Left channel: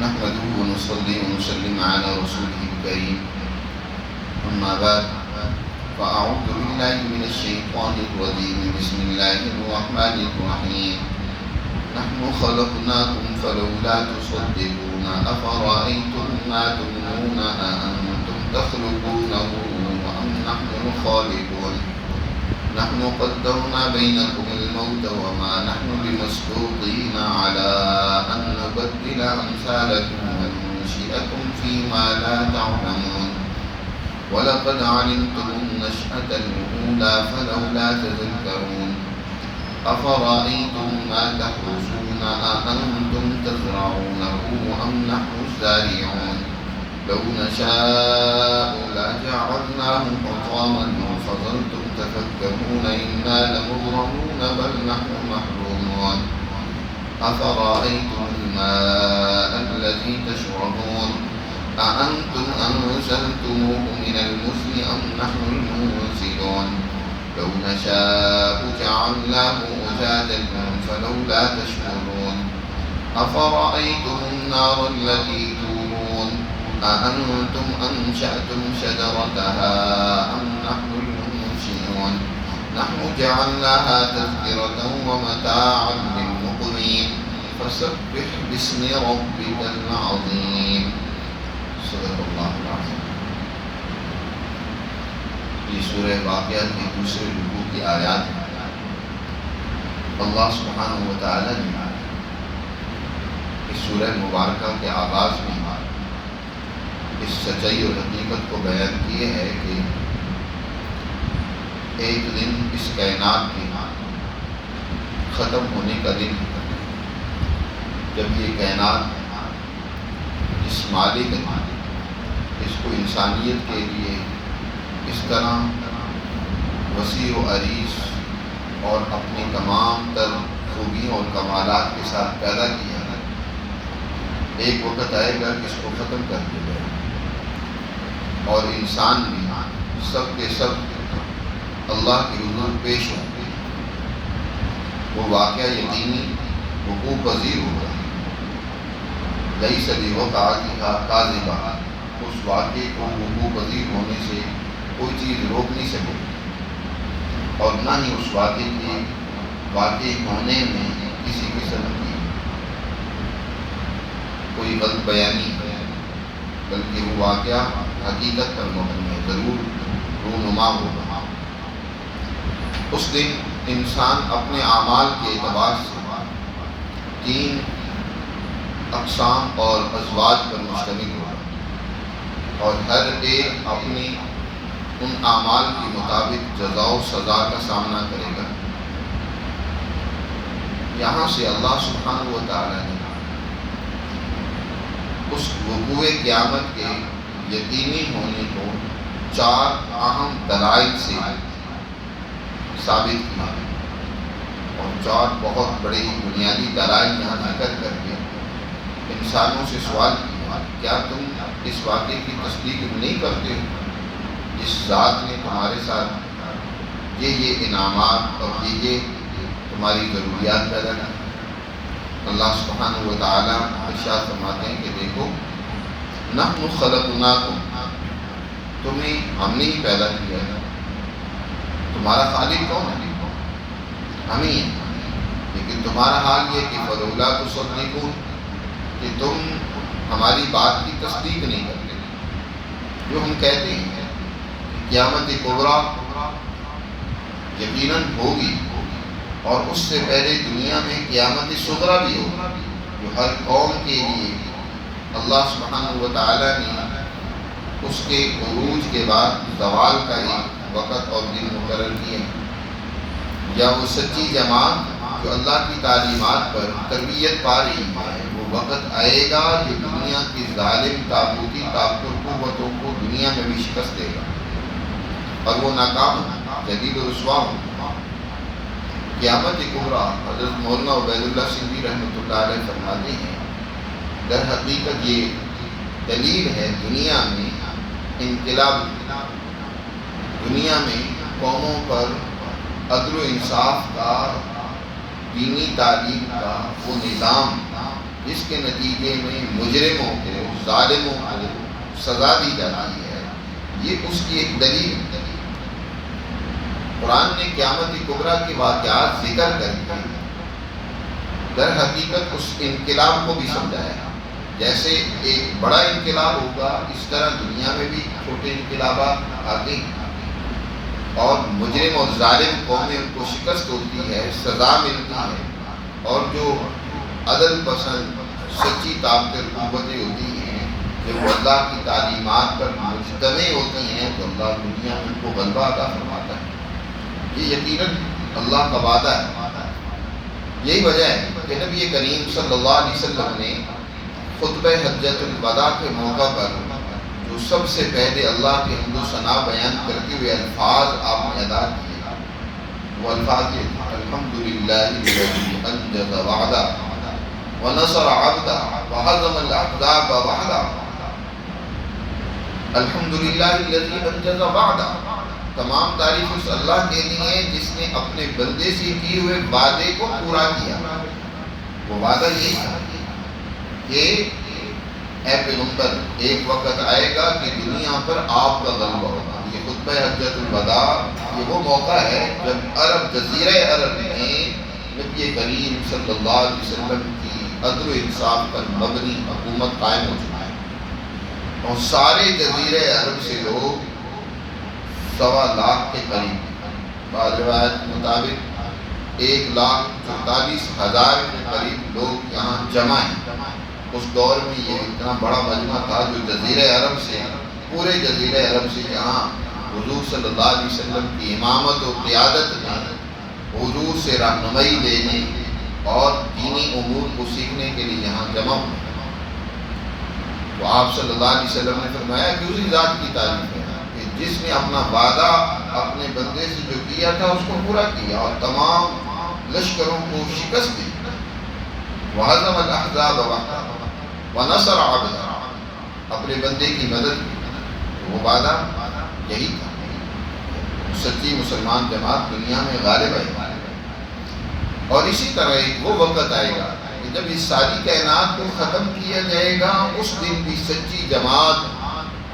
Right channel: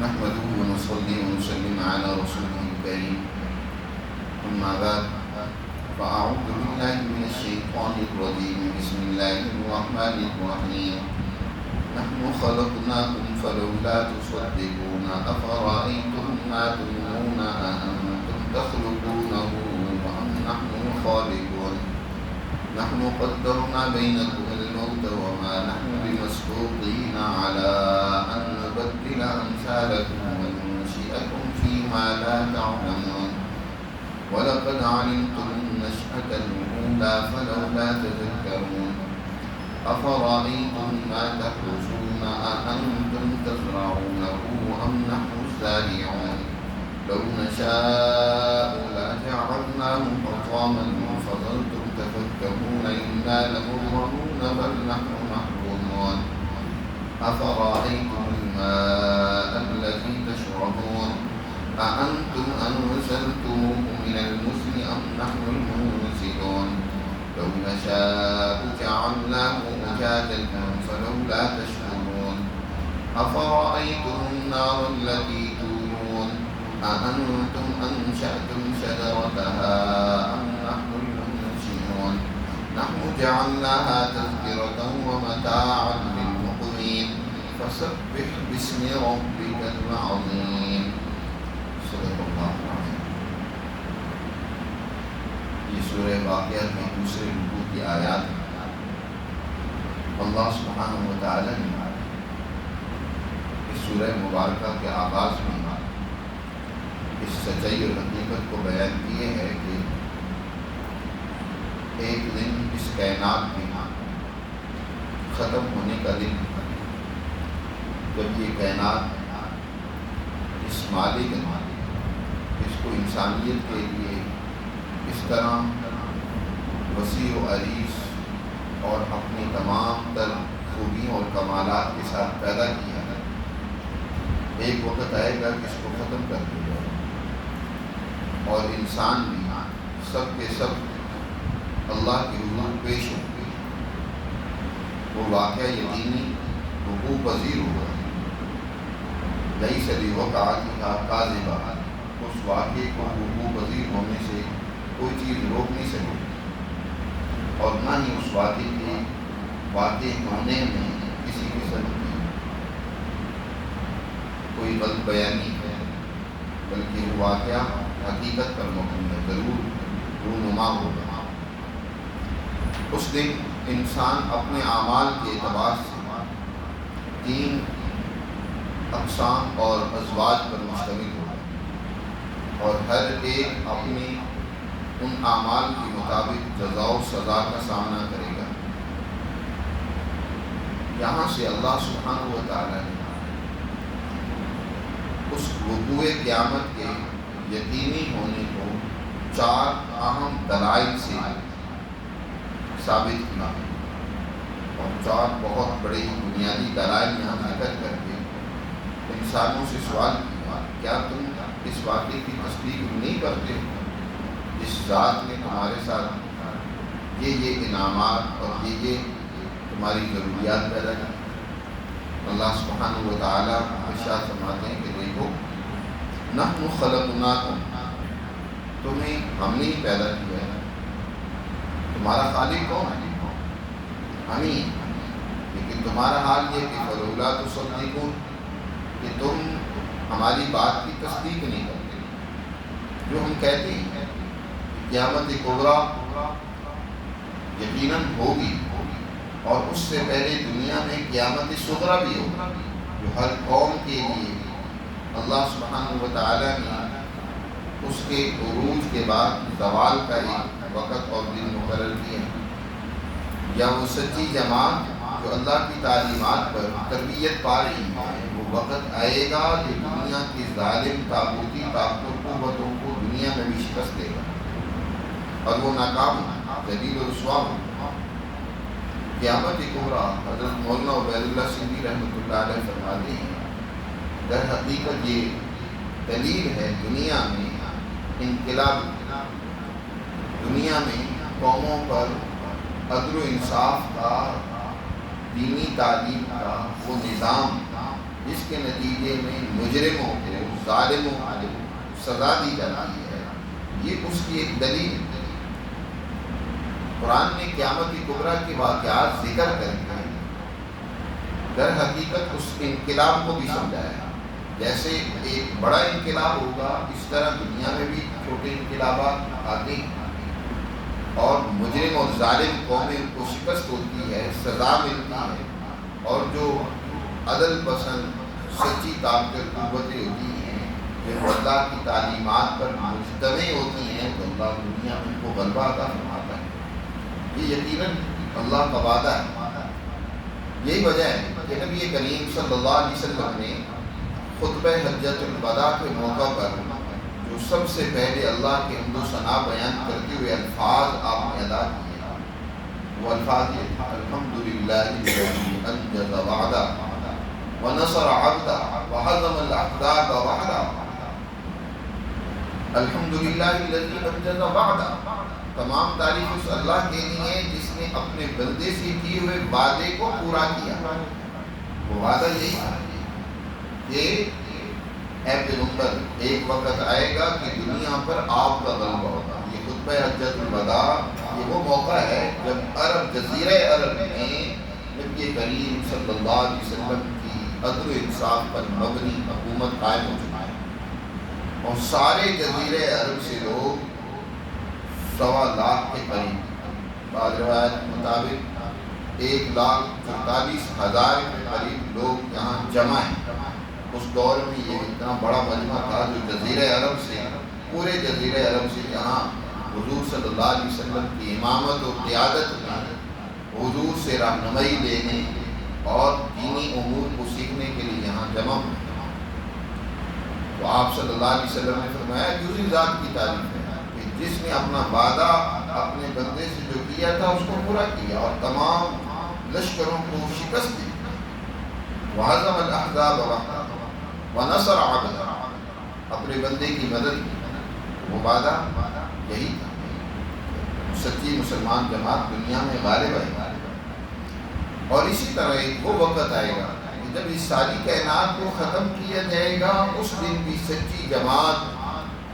نحمده ونصلي ونسلم على رسوله الكريم أما بعد فأعوذ بالله من الشيطان الرجيم بسم الله الرحمن الرحيم نحن خلقناكم فلولا تصدقون أفرأيتم ما تمنون أأنتم تخلقونه أم نحن الخالقون نحن قدرنا بينكم الموت وما نحن بمسبوقين على أن نبدل أمثالكم وننشئكم فيما لا تعلمون ولقد علمتم النشأة الأولى فلولا تذكرون أفرأيتم ما تحرثون أأنتم تزرعونه أم نحن الزارعون لو نشاء لجعلناه حطاما فظلتم تفكهون إنا لمغرمون بل نحن محرومون أفرأيتم الماء الذي تشربون أأنتم أنزلتموه من المزن أم نحن المنزلون لو نشاء جعلناه أجاجا فلولا تشكرون أفرأيتم النار التي تورون أأنتم أنشأتم شجرتها أم نحن المنشئون نحن جعلناها تذكرة ومتاعا للمقوين فسبح باسم ربك العظيم صدق اللہ العظیم۔ یہ سورہ واقعہ کے دوسرے رکوع کی آیات ہیں۔ اللہ سبحانہ و تعالی نے اس سورہ مبارکہ کے آغاز میں اس سچائی اور حقیقت کو بیان کیے ہے کہ ایک دن اس کائنات کے ختم ہونے کا دن جب یہ کائنات اس مالک نے اس کو انسانیت کے لیے اس طرح وسیع و عریض اور اپنی تمام تر خوبیوں اور کمالات کے ساتھ پیدا کیا ہے، ایک وقت آئے گا کہ اس کو ختم کر دیا جائے اور انسان بھی سب کے سب اللہ کے حضور پیش ہوں گے۔ وہ واقعہ یقینی وقوع پذیر ہوا، لیس لوقعتها کاذبہ، اس واقعے کو وقوع پذیر ہونے سے کوئی چیز روک نہیں سکے اور نہ ہی اس واقعے کے واقع ہونے میں کسی قسم کی کوئی غلط بیانی ہے، بلکہ وہ واقعہ حقیقت پر مبنی ہے، ضرور رونما ہوگا۔ اس دن انسان اپنے اعمال کے اعتبار سے 3 اقسام اور ازواج پر مشتمل ہوگا اور ہر ایک اپنی ان اعمال کے مطابق جزا و سزا کا سامنا کرے گا۔ یہاں سے اللہ سبحانہ و تعالی نے اس وقوع قیامت کے یقینی ہونے کو 4 اہم دلائل سے ثابت کیا اور 4 بہت بڑے بنیادی دلائل یہاں ذکر کر کے انسانوں سے سوال کیا، کیا تم اس واقعے کی تصدیق نہیں کرتے جس ذات نے تمہارے ساتھ یہ انعامات اور یہ تمہاری ضروریات پیدا کی؟ اللہ سبحانہ و تعالی ارشاد فرماتے ہیں کہ دیکھو، نحن خلقناکم، تمہیں ہم نے ہی پیدا کیا ہے۔ تمہارا خالق کون ہے؟ ہم ہی ہیں، لیکن تمہارا حال یہ کہ فلولا تصدقون، کہ تم ہماری بات کی تصدیق نہیں کرتے۔ جو ہم کہتے ہیں قیامت کبریٰ یقیناً ہوگی اور اس سے پہلے دنیا میں قیامت صغریٰ بھی ہوگی، جو ہر قوم کے لیے اللہ سبحانہ و تعالی نے اس کے عروج کے بعد زوال کا ایک وقت اور دن مقرر کیے ہیں، یا وہ سچی جماعت جو اللہ کی تعلیمات پر تربیت پا رہی ہے، وہ وقت آئے گا جو دنیا کی ظالم طاغوتی طاقتوں قوتوں کو دنیا میں بھی شکست دے گا اور وہ ناکام ذلیل و رسوا ہو۔ قیامت کبریٰ حضرت مولانا عبید اللہ سندھی رحمۃ اللہ علیہ فرماتے ہیں، در حقیقت یہ دلیل ہے دنیا میں انقلاب، دنیا میں قوموں پر عدل و انصاف کا، دینی تعلیم کا وہ نظام جس کے نتیجے میں مجرموں کو، ظالموں کو سزا دی جاتی ہے، یہ اس کی ایک دلیل ہے۔ قرآن نے قیامت کبریٰ کے واقعات ذکر کر کے در حقیقت اس انقلاب کو بھی سمجھایا۔ جیسے ایک بڑا انقلاب ہوگا، اس طرح دنیا میں بھی چھوٹے انقلابات آتے ہیں، اور مجرم اور ظالم قومیں ان کو شکست ہوتی ہے، سزا ملتی ہے، اور جو عدل پسند سچی طاقتیں قوتیں ہوتی ہیں، جو اللہ کی تعلیمات پر مجتمع ہوتی ہیں، تو اللہ دنیا میں ان کو غلبہ عطا فرماتا ہے۔ یہ یقیناً اللہ کا وعدہ ہے۔ یہی وجہ ہے کہ نبی کریم صلی اللہ علیہ وسلم نے خطبہ حجۃ الوداع کے موقع پر جو سب سے پہلے اللہ کے حمد و ثنا بیان کرتے ہوئے الفاظ آپ نے ادا کیے، وہ الفاظ یہ تھے: الحمدللہ الذی انجز وعدہ ونصر عبدہ وہزم الاحزاب وحدہ۔ الحمدللہ الذی انجز وعدہ، تمام تعریف اس اللہ کے لیے ہے جس نے اپنے بندے سے کیے ہوئے وعدے کو پورا کیا۔ وہ وعدہ یہی تھا کہ اے پیغمبر، ایک وقت آئے گا کہ دنیا پر آپ کا غلبہ ہوگا۔ یہ خطبہ حجۃ الوداع، یہ وہ موقع ہے جب عرب، جزیرہ عرب میں نبی کریم صلی اللہ علیہ وسلم کی عدل و انصاف پر مبنی حکومت قائم ہو چکی ہے، اور سارے جزیرہ عرب سے لوگ 1.25 کے قریب، بعض روایت کے مطابق 1,44,000 کے قریب لوگ یہاں جمع ہیں۔ اس دور میں یہ اتنا بڑا مجمع تھا جو جزیرہ عرب سے، پورے جزیرہ عرب سے یہاں حضور صلی اللہ علیہ وسلم کی امامت و قیادت میں حضور سے رہنمائی لینے اور دینی امور کو سیکھنے کے لیے یہاں جمع ہوئے۔ تو آپ صلی اللہ علیہ وسلم نے فرمایا کہ اسی ذات کی تعریف ہے کہ جس نے اپنا وعدہ اپنے بندے سے جو کیا تھا اس کو پورا کیا اور تمام لشکروں کو شکست دی۔ وَهَزَمَ الْأَحْزَابَ وَحْدَهُ وَنَصَرَ عَبْدَهُ، اپنے بندے کی مدد کی۔ وہ وعدہ یہی تھا، سچی مسلمان جماعت دنیا میں غالب ہے۔ اور اسی طرح ایک وہ وقت آئے گا کہ جب اس ساری کائنات کو ختم کیا جائے گا، اس دن بھی سچی جماعت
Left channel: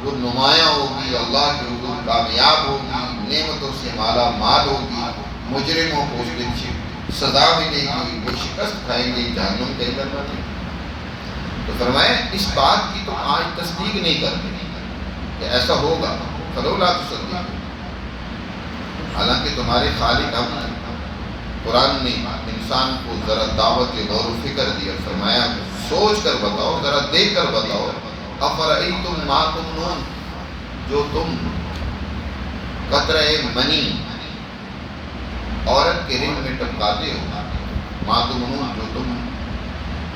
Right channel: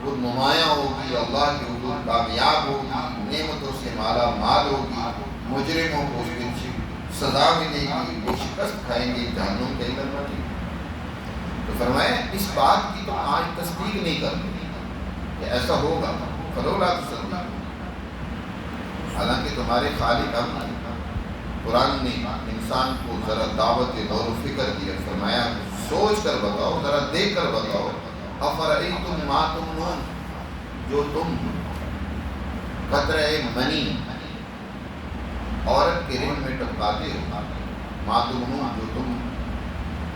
وہ نمایاں ہوگی، اللہ کے حضور کامیاب ہوگی، نعمتوں سے مالا مال ہوگی، مجرموں کو اس دن سزا ملے گی، وہ شکست کھائیں گے، جہنم کے اندر رہیں گے۔ تو فرمایا اس بات کی تم آج تصدیق نہیں کرتے کہ ایسا ہوگا، فلولا تصدیق، حالانکہ تمہارے خالق ہم ہیں۔ قرآن نے انسان کو ذرا دعوت غور و فکر دی اور فرمایا کہ سوچ کر بتاؤ، ذرا دیکھ کر بتاؤ، افرأیتم ما تمنون، جو تم قطرہ منی عورت کے رحم میں ٹپکاتے ہو، ما تمنون، جو تم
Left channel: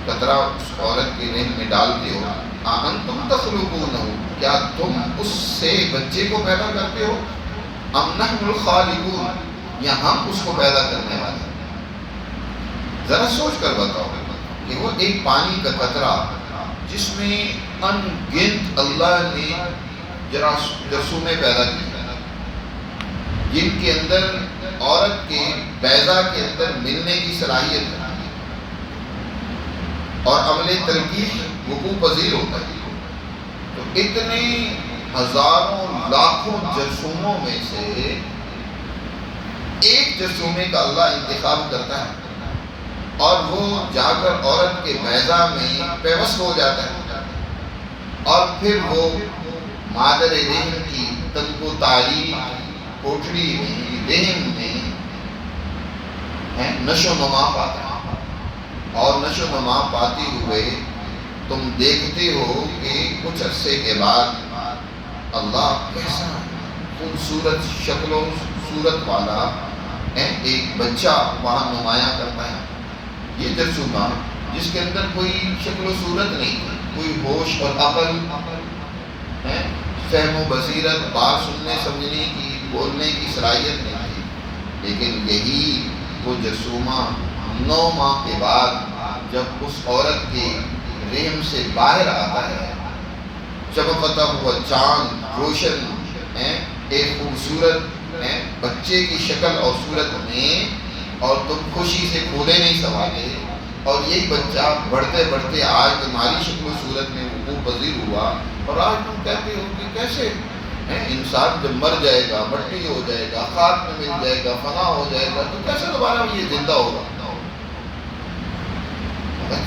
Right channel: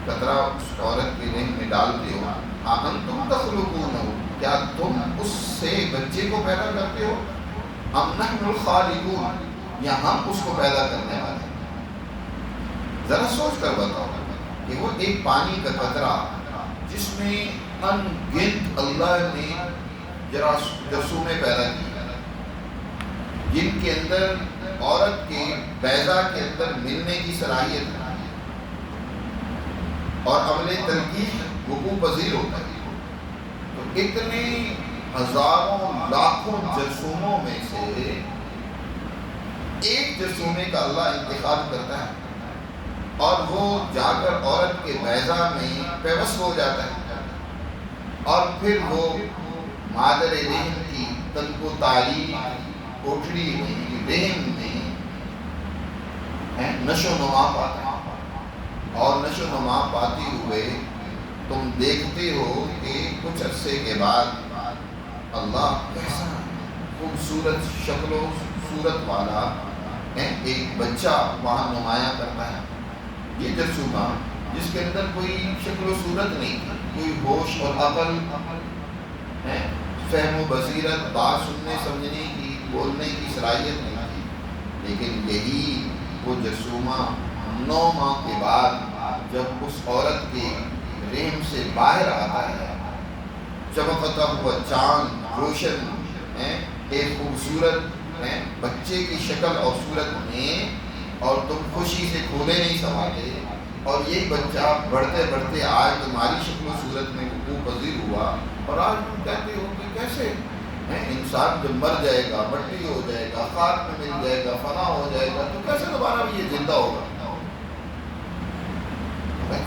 قطرہ اس عورت کے رحم میں ڈالتے ہو، انتم تخلقونہ، کیا تم اس سے بچے کو پیدا کرتے ہو، ام نحن الخالقون، یا ہم اس کو پیدا کرنے والے ہیں۔ ذرا سوچ کر بتاؤ کہ وہ ایک پانی کا قطرہ جس میں ان گنت اللہ نے جرثومے پیدا کیے، جن کے اندر عورت کے بیضا کے اندر ملنے کی صلاحیت ہے اور عمل تلقیح وقوع پذیر ہوتا ہے، تو اتنے ہزاروں لاکھوں جرثوموں میں سے ایک جرثومے کا اللہ انتخاب کرتا ہے اور وہ جا کر عورت کے بیضا میں پیوست ہو جاتا ہے، اور پھر وہ مادر رحم کی تن کو تاریخ کوٹڑی میں، رحم میں نشو و نما پاتا ہے، اور نشو و نما پاتے ہوئے تم دیکھتے ہو کہ کچھ عرصے کے بعد اللہ کیسا خوبصورت شکل و صورت والا ایک بچہ وہاں نمایاں کرتا ہے۔ یہ جرثومہ جس کے اندر کوئی شکل و صورت نہیں تھی، کوئی ہوش اور عقل، فہم و بصیرت، بات سننے سمجھنے کی، بولنے کی صلاحیت نہیں تھی، لیکن یہی وہ جرثومہ 9 ماہ کے بعد جب اس عورت کے رحم سے باہر آتا ہے، چمکتا ہوا چاند روشن ایک خوبصورت بچے کی شکل اور صورت میں، اور تم خوشی سے پھولے نہیں سنبھالے، اور یہی بچہ بڑھتے بڑھتے آج تمہاری شکل و صورت میں وقوع پذیر ہوا، اور آج تم کہتے ہو کہ کیسے انسان جب مر جائے گا، مٹی ہو جائے گا، خاک میں مل جائے گا، فنا ہو جائے گا، تو کیسے دوبارہ یہ زندہ ہوگا؟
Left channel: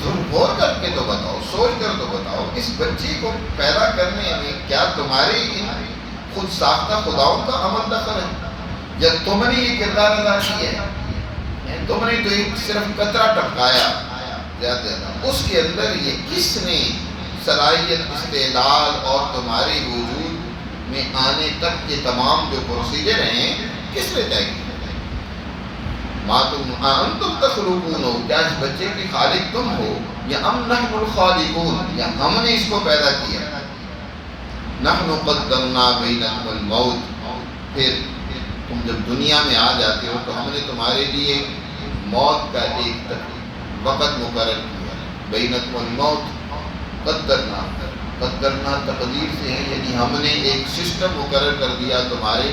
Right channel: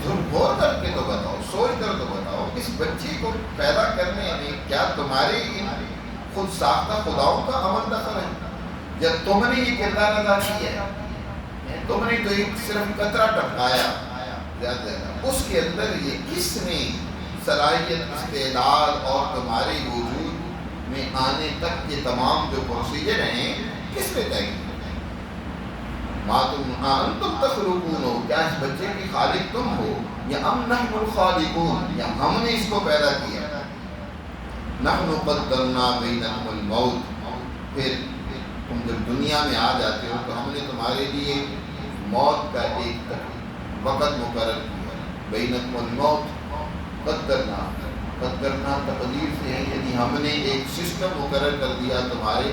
تم غور کر کے تو بتاؤ، سوچ کر تو بتاؤ، اس بچے کو پیدا کرنے میں کیا تمہارے ان خود ساختہ خداؤں کا عمل دخل ہے، یا تم نے یہ کردار ادا کیا ہے؟ تم نے تو ایک صرف قطرہ ٹپکایا زیادہ، اس کے اندر یہ کس نے صلاحیت، استعداد اور تمہارے وجود میں آنے تک کے تمام جو پروسیجر ہیں کس نے طے کیا؟ انتم تخلقون ہو، کیا اس بچے کے خالق تم ہو، یا ام نحن الخالقون، یا ہم نے اس کو پیدا کیا؟ نحن قدرنا بینکم الموت، پھر تم جب دنیا میں آ جاتے ہو تو ہم نے تمہارے لیے موت کا ایک وقت مقرر کیا، بینکم الموت، قدرنا تقدیر سے ہے، یعنی ہم نے ایک سسٹم مقرر کر دیا تمہارے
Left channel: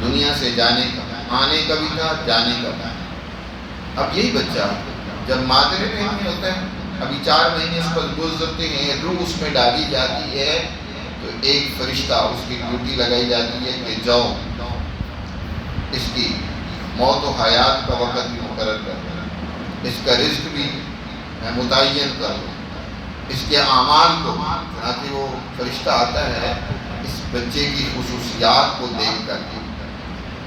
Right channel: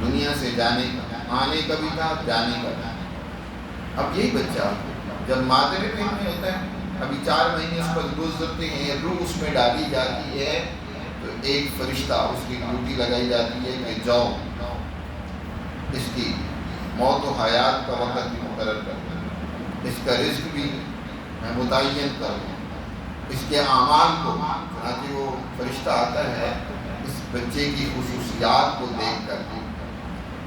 دنیا سے جانے کا، آنے کا بھی تھا، جانے کا بھی۔ اب یہی بچہ جب مادر رحم میں ہوتا ہے، ابھی 4 مہینے اس پر گزرتے ہیں، روح اس میں ڈالی جاتی ہے، تو ایک فرشتہ اس کی ڈیوٹی لگائی جاتی ہے کہ جاؤ اس کی موت و حیات کا وقت بھی مقرر کر دو، اس کا رزق بھی متعین کر دو، اس کے اعمال کو۔ چنانچہ وہ فرشتہ آتا ہے اس بچے کی خصوصیات کو دیکھ کر کے،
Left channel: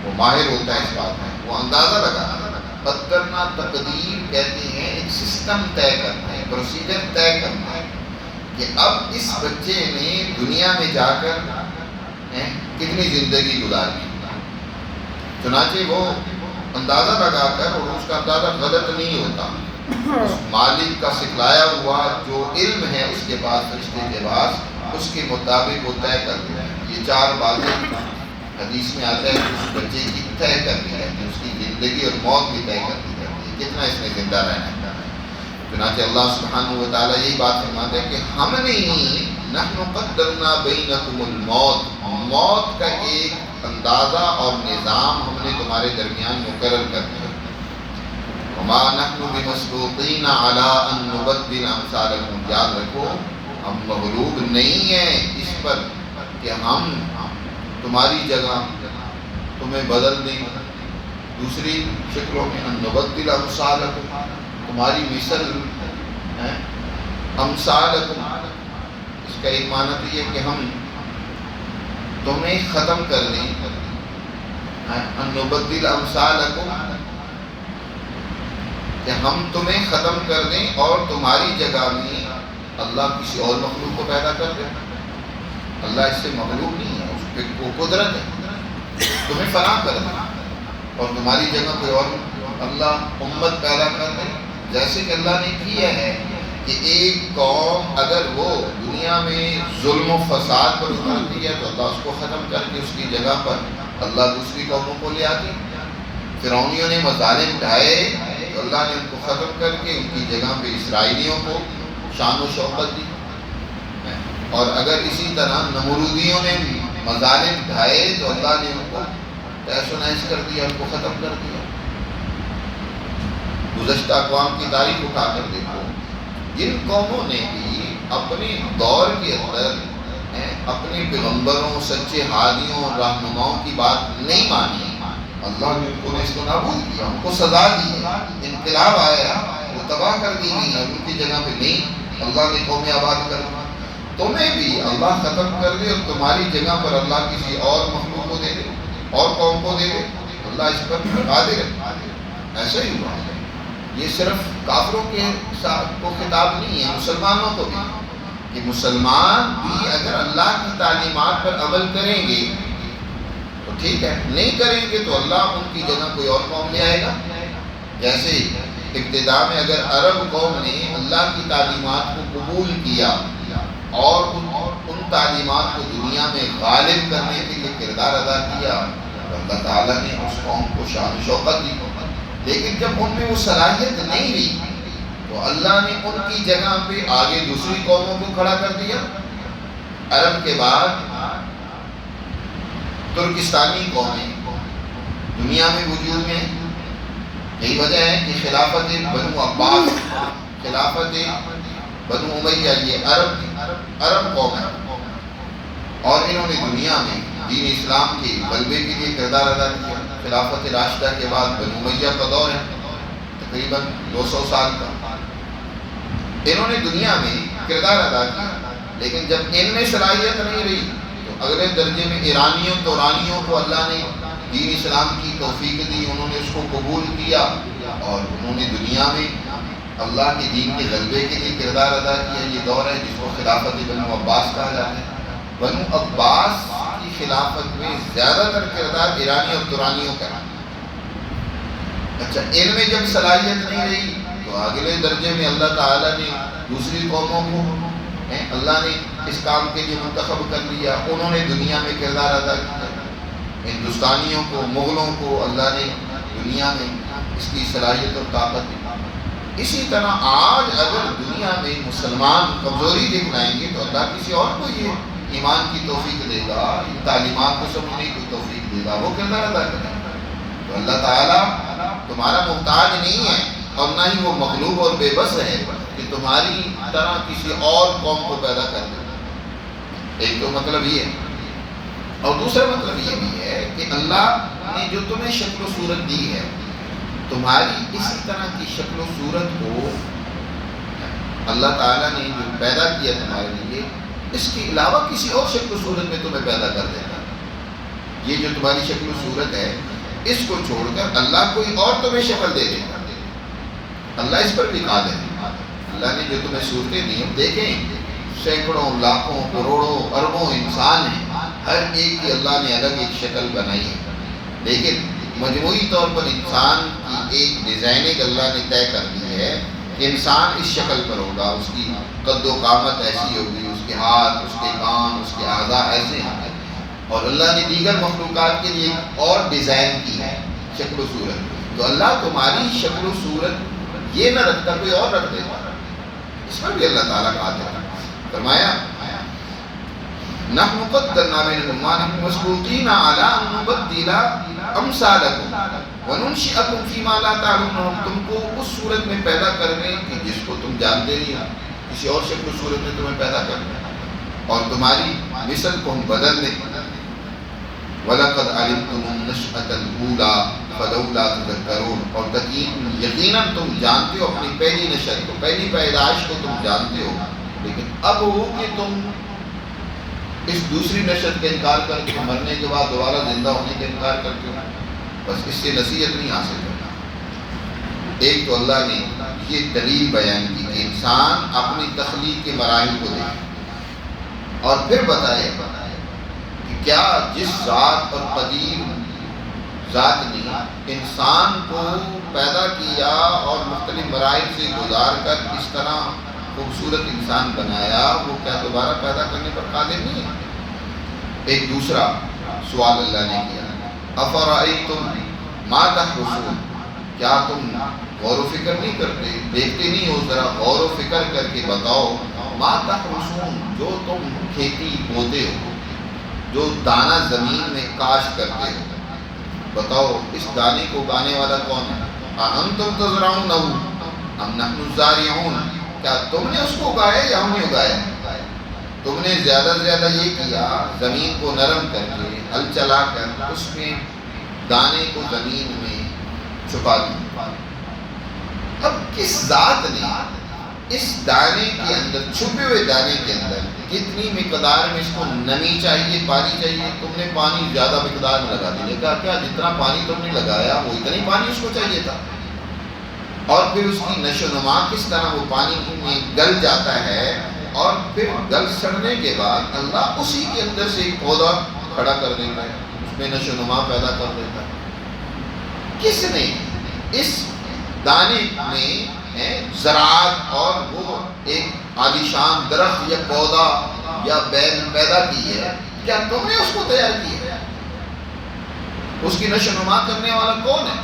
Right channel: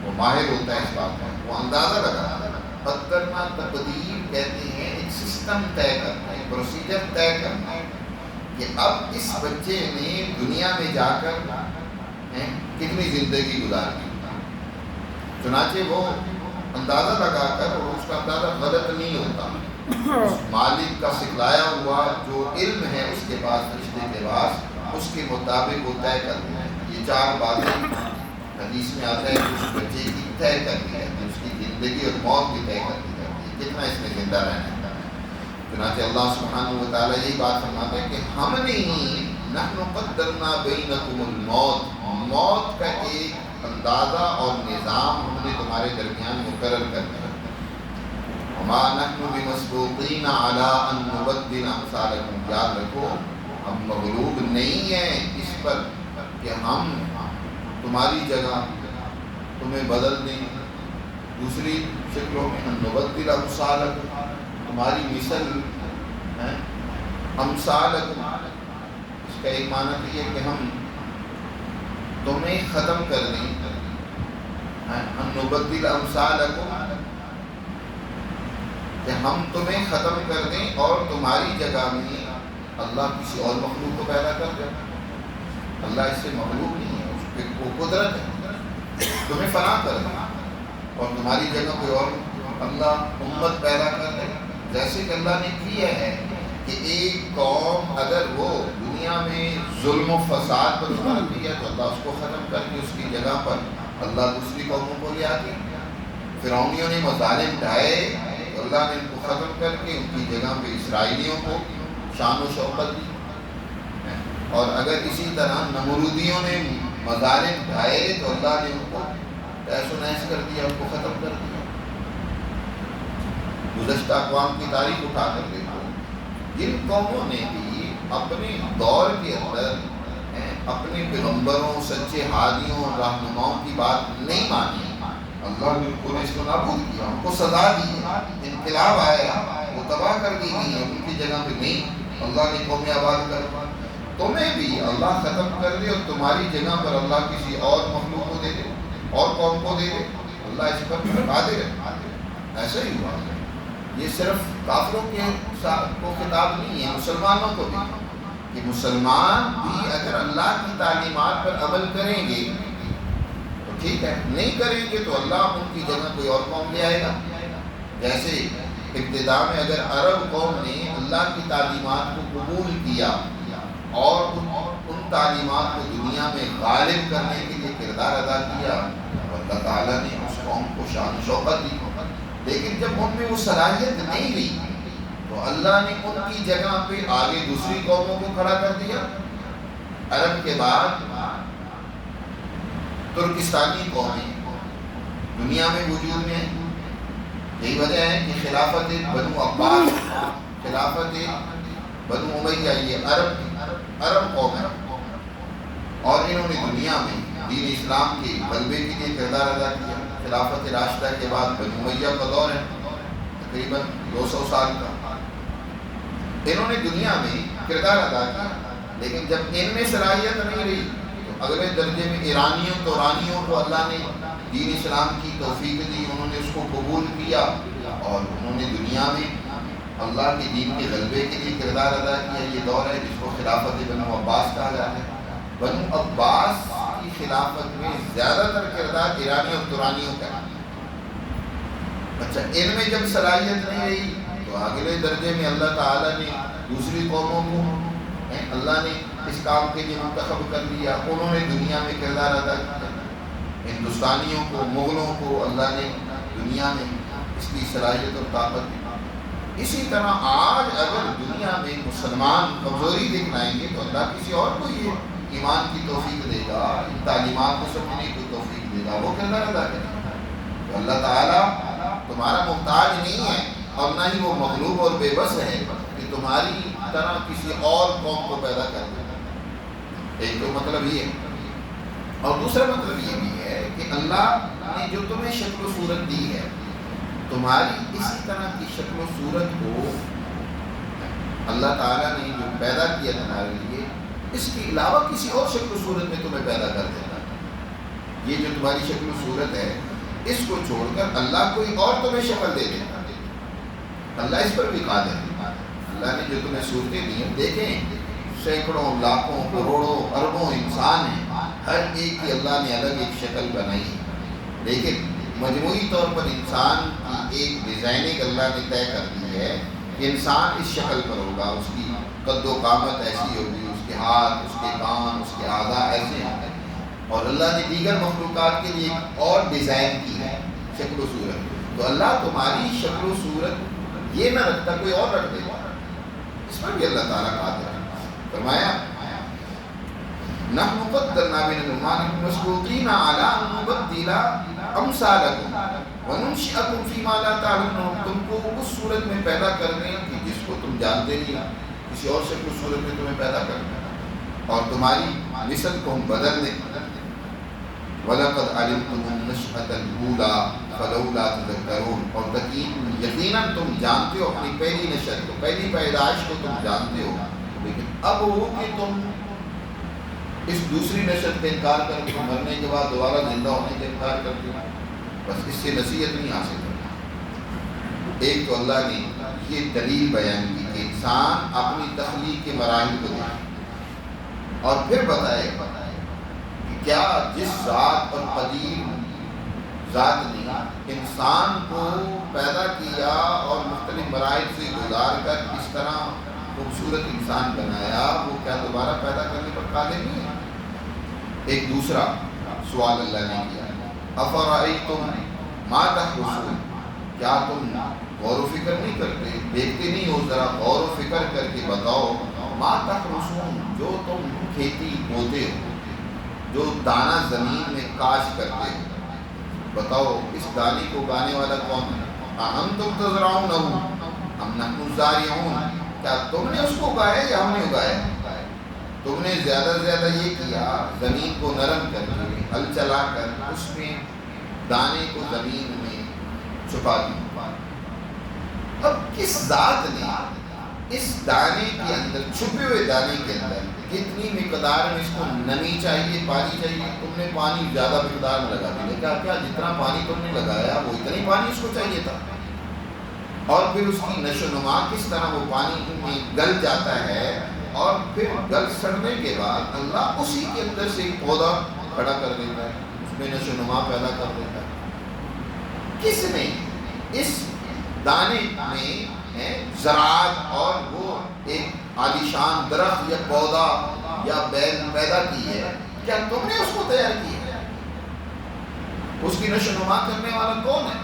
وہ ماہر ہوتا ہے اس بات میں، وہ اندازہ لگاتا ہے۔ قدرنا تقدیر کہتے ہیں ایک سسٹم طے کرنا ہے، ایک پروسیجر طے کرنا ہے کہ اب اس بچے نے دنیا میں جا کر کتنی زندگی گزاری۔ چنانچہ وہ اندازہ لگا کر، اور اس کا اندازہ غلط نہیں ہوتا، اس مالک کا سکھلایا ہوا جو علم ہے اس کے پاس، فرشتے کے پاس، اس کے مطابق وہ طے کر دیا ہے۔ یہ 4 باتیں حدیث میں آتا ہے کہ اس بچے کی طے کر دی جاتی ہے، اس کی زندگی اور موت بھی طے کر دی جاتی ہے، کتنا اس نے زندہ رہنا ہے۔ چنانچہ اللہ سبحانہ و تعالیٰ یہی بات فرماتے ہیں کہ ہم نے ہی نحن قدرنا بینکم الموت، موت کا ایک اندازہ اور نظام ہم نے تمہارے درمیان مقرر کر دیا۔ وما نحن بمسبوقین علی ان نبدل امثالکم، یاد رکھو ہم مغلوب نہیں ہیں اس پر کہ ہم تمہاری جگہ تمہیں بدل دیں دوسری شکلوں میں، ان نبدل امثالکم، تمہاری مثل امثالکم، اس کا ایک معنی تو یہ کہ ہم تمہیں ختم کر دیں، ان نبدل امثالکم، کہ ہم تمہیں ختم کر دیں اور تمہاری جگہ میں اللہ کسی اور مخلوق کو پیدا کر دیں۔ اللہ اس سے مغلوب نہیں ہے، اس پہ وہ قدرت ہے، تمہیں فنا کر دیں اور تمہاری جگہ کوئی اور اللہ امت پیدا کر دے، جیسے کہ اللہ نے کیا ہے کہ ایک قوم اگر وہ دنیا میں ظلم و فساد پر اترتی ہے تو اللہ اس کو ختم کر کے اس کی جگہ پر اللہ دوسری قوموں کو لے آتی۔ فرعونیوں نے مظالم ڈھائے تو اللہ نے ان کو ختم کر کے ان کی جگہ پہ اسرائیلیوں کو شان و شوکت دی، اور اگر اسی طرح نمرودیوں نے مظالم ڈھائے تو اللہ نے ان کو تہس و نحس کر دیا، ان کو ختم کر دیا۔ گزشتہ اقوام کی تاریخ اٹھا کر دیکھو، جن قوموں نے بھی اپنے دور کے اندر اپنے پیغمبروں، سچے ہادیوں، رہنماؤں کی بات نہیں مانی، اللہ نے ان کو نیست و نابود کیا، ان کو سزا دی ہے، انقلاب آیا، وہ تباہ کر دی گئی ہے، ان کی جگہ پہ نہیں اللہ نے قومیں آباد کر دی۔ تمہیں بھی اللہ ختم کر دے اور تمہاری جگہ پر اللہ کسی اور مخلوق کو دے دے، اور قوم کو دے دے، اللہ اس پر قادر ہے۔ ایسا ہی ہوا، یہ صرف کافروں کے ساتھ کو خطاب نہیں ہے، مسلمانوں کو بھی، کہ مسلمان بھی اگر اللہ کی تعلیمات پر عمل کریں گے تو ٹھیک ہے، نہیں کریں گے تو اللہ ان کی جگہ کوئی اور قوم لے آئے گا۔ جیسے ابتدا میں اگر عرب قوم نے اللہ کی تعلیمات کو قبول کیا اور ان تعلیمات کو دنیا میں غالب کرنے کے لیے کردار ادا کیا، اللہ تعالیٰ نے اس قوم کو شان و شوکت دی، لیکن جب ان میں وہ صلاحیت نہیں رہی تو اللہ نے ان کی جگہ پہ آگے دوسری قوموں کو کھڑا کر دیا۔ عرب کے بعد ترکستانی قومیں دنیا میں وجود میں، یہی وجہ ہے کہ خلافت بنو عباس، خلافت بنو امیہ، یہ عرب قوم ہے، اور انہوں نے دنیا میں دین اسلام کے غلبے کے لیے کردار ادا کیا۔ خلافت راشدہ کے بعد بنو امیہ کا دور ہے تقریباً 200 سال کا، انہوں نے دنیا میں کردار ادا کیا، لیکن جب ان میں صلاحیت نہیں رہی تو اگلے درجے میں ایرانیوں کو اللہ نے دین اسلام کی توفیق دی، انہوں نے اس کو قبول کیا اور انہوں نے دنیا میں اللہ کے دین کے غلبے کے لیے کردار ادا کیا۔ یہ دور ہے جس کو خلافت بنو عباس کہا جاتا ہے۔ بنو عباس کی خلافت میں زیادہ تر کردار ایرانی اور ترانیوں کا ہے۔ اچھا، ان میں جب صلاحیت نہیں رہی تو اگلے درجے میں اللہ تعالیٰ نے دوسری قوموں کو اللہ نے اس کام کے لیے منتخب کر لیا، انہوں نے دنیا میں کردار ادا کیا۔ ہندوستانیوں کو، مغلوں کو اللہ نے دنیا میں اس کی صلاحیت اور طاقت دی۔ اسی طرح آج اگر دنیا میں مسلمان کمزوری دکھلائیں گے تو اللہ کسی اور کو یہ ایمان کی توفیق دے گا، ان تعلیمات کو سمجھنے کی توفیق دے گا، وہ کردار ادا کریں گے۔ تو اللہ تعالیٰ تمہارا محتاج نہیں ہے اور نہ ہی وہ مغلوب اور بے بس ہے کہ تمہاری طرح کسی اور قوم کو پیدا کر دے۔ ایک تو مطلب یہ ہے، اور دوسرا مطلب یہ بھی ہے کہ اللہ نے جو تمہیں شکل و صورت دی ہے، تمہاری اسی طرح کی شکل و صورت کو اللہ تعالیٰ نے جو پیدا کیا تمہارے لیے، اس کے علاوہ کسی اور شکل و صورت میں تمہیں پیدا کر دیتا۔ یہ جو تمہاری شکل و صورت ہے، اس کو چھوڑ کر اللہ کوئی اور تمہیں شکل دے دیتا۔ اللہ اس پر بھی قادر ہے۔ اللہ نے جو تمہیں صورتیں دی، دیکھیں سینکڑوں، لاکھوں، کروڑوں، اربوں انسان ہیں، ہر ایک کی اللہ نے الگ ایک شکل بنائی ہے، لیکن مجموعی طور پر انسان کی ایک ڈیزائننگ اللہ نے طے کر دی ہے کہ انسان اس شکل پر ہوگا، اس کی قد و قامت ایسی ہوگی، اس کے ہاتھ، اس کے کان، اس کے اعضاء ایسے ہوں گے۔ اور اللہ نے دیگر مخلوقات کے لیے ایک اور ڈیزائن کی ہے شکل و صورت۔ تو اللہ تمہاری شکل و صورت یہ نہ رکھتا، کوئی اور رکھ دیتا، اس پر بھی اللہ تعالیٰ قادر ہے۔ فرمایا نحن قدرنا بین المانکم مسبوقین علی ان نبدل امثالکم وننشئکم فیما لا تعلمون، تم کو اس صورت میں پیدا کرنے کہ جس کو تم جانتے نہیں، کسی اور شکل و صورت میں تمہیں پیدا کرنے اور تمہاری مثل کو ہم بدل دیں۔ وَلَقَدْ عَلِمْتُمُ النَّشْأَةَ الْأُولَىٰ فَلَوْلَا تَذَكَّرُونَ، اور یقیناً تم جانتے ہو اپنی پہلی نشأت کو، پہلی پیدائش کو تم جانتے ہو، لیکن اب ہو کہ تم اس دوسری نشأت کا انکار کر کے مرنے کے بعد دوبارہ زندہ ہونے کا انکار کرتے ہو، بس اس سے نصیحت نہیں حاصل کرنا۔ ایک تو اللہ نے یہ دلیل بیان کی کہ انسان اپنی تخلیق کے مراحل کو دیکھے اور پھر بتائے کہ کیا جس ذات اور قدیر ذات نے انسان کو پیدا کیا اور مختلف مراحل سے گزار کر اس طرح خوبصورت انسان بنایا، وہ کیا دوبارہ پیدا کرنے پر قادر نہیں ہے؟ ایک دوسرا سوال اللہ نے کیا، افرأیتم ما تحرثون، کیا تم غور و فکر نہیں کرتے، دیکھتے نہیں ہو، ذرا غور و فکر کر کے بتاؤ، ما تحرثون، جو تم کھیتی بوتے ہو، جو دانہ زمین میں کاشت کرتے ہو، بتاؤ اس دانے کو اگانے والا کون ہے؟ اانتم تزرعونہ ام نحن الزارعون، کیا تم نے اس کو اگایا یا ہم نے اگایا؟ تم نے زیادہ سے زیادہ یہ کیا، زمین کو نرم کر کے ہل چلا کر اس میں دانے کو زمین میں چھپا دیا۔ اب کس ذات نے اس دانے کے اندر، چھپے ہوئے دانے کے اندر کتنی مقدار میں اس کو نمی چاہیے، پانی چاہیے، تم نے پانی زیادہ مقدار میں لگا دی، کہا کیا جتنا پانی تم نے لگایا وہ اتنا ہی پانی اس کو چاہیے تھا؟ اور پھر اس کی نشو و نما کس طرح وہ پانی میں گل جاتا ہے، اور پھر گل سڑنے کے بعد اللہ اسی کے اندر سے ایک پودا کھڑا کر دیتا ہے، اس میں نشو و نما پیدا کر دیتا ہے۔ کس نے اس دانے میں زراعت اور وہ ایک عالیشان درخت یا پودا یا بیل پیدا کی ہے؟ کیا تم نے اس کو تیار کیا ہے؟ اس کی نشو و نما کرنے والا کون ہے؟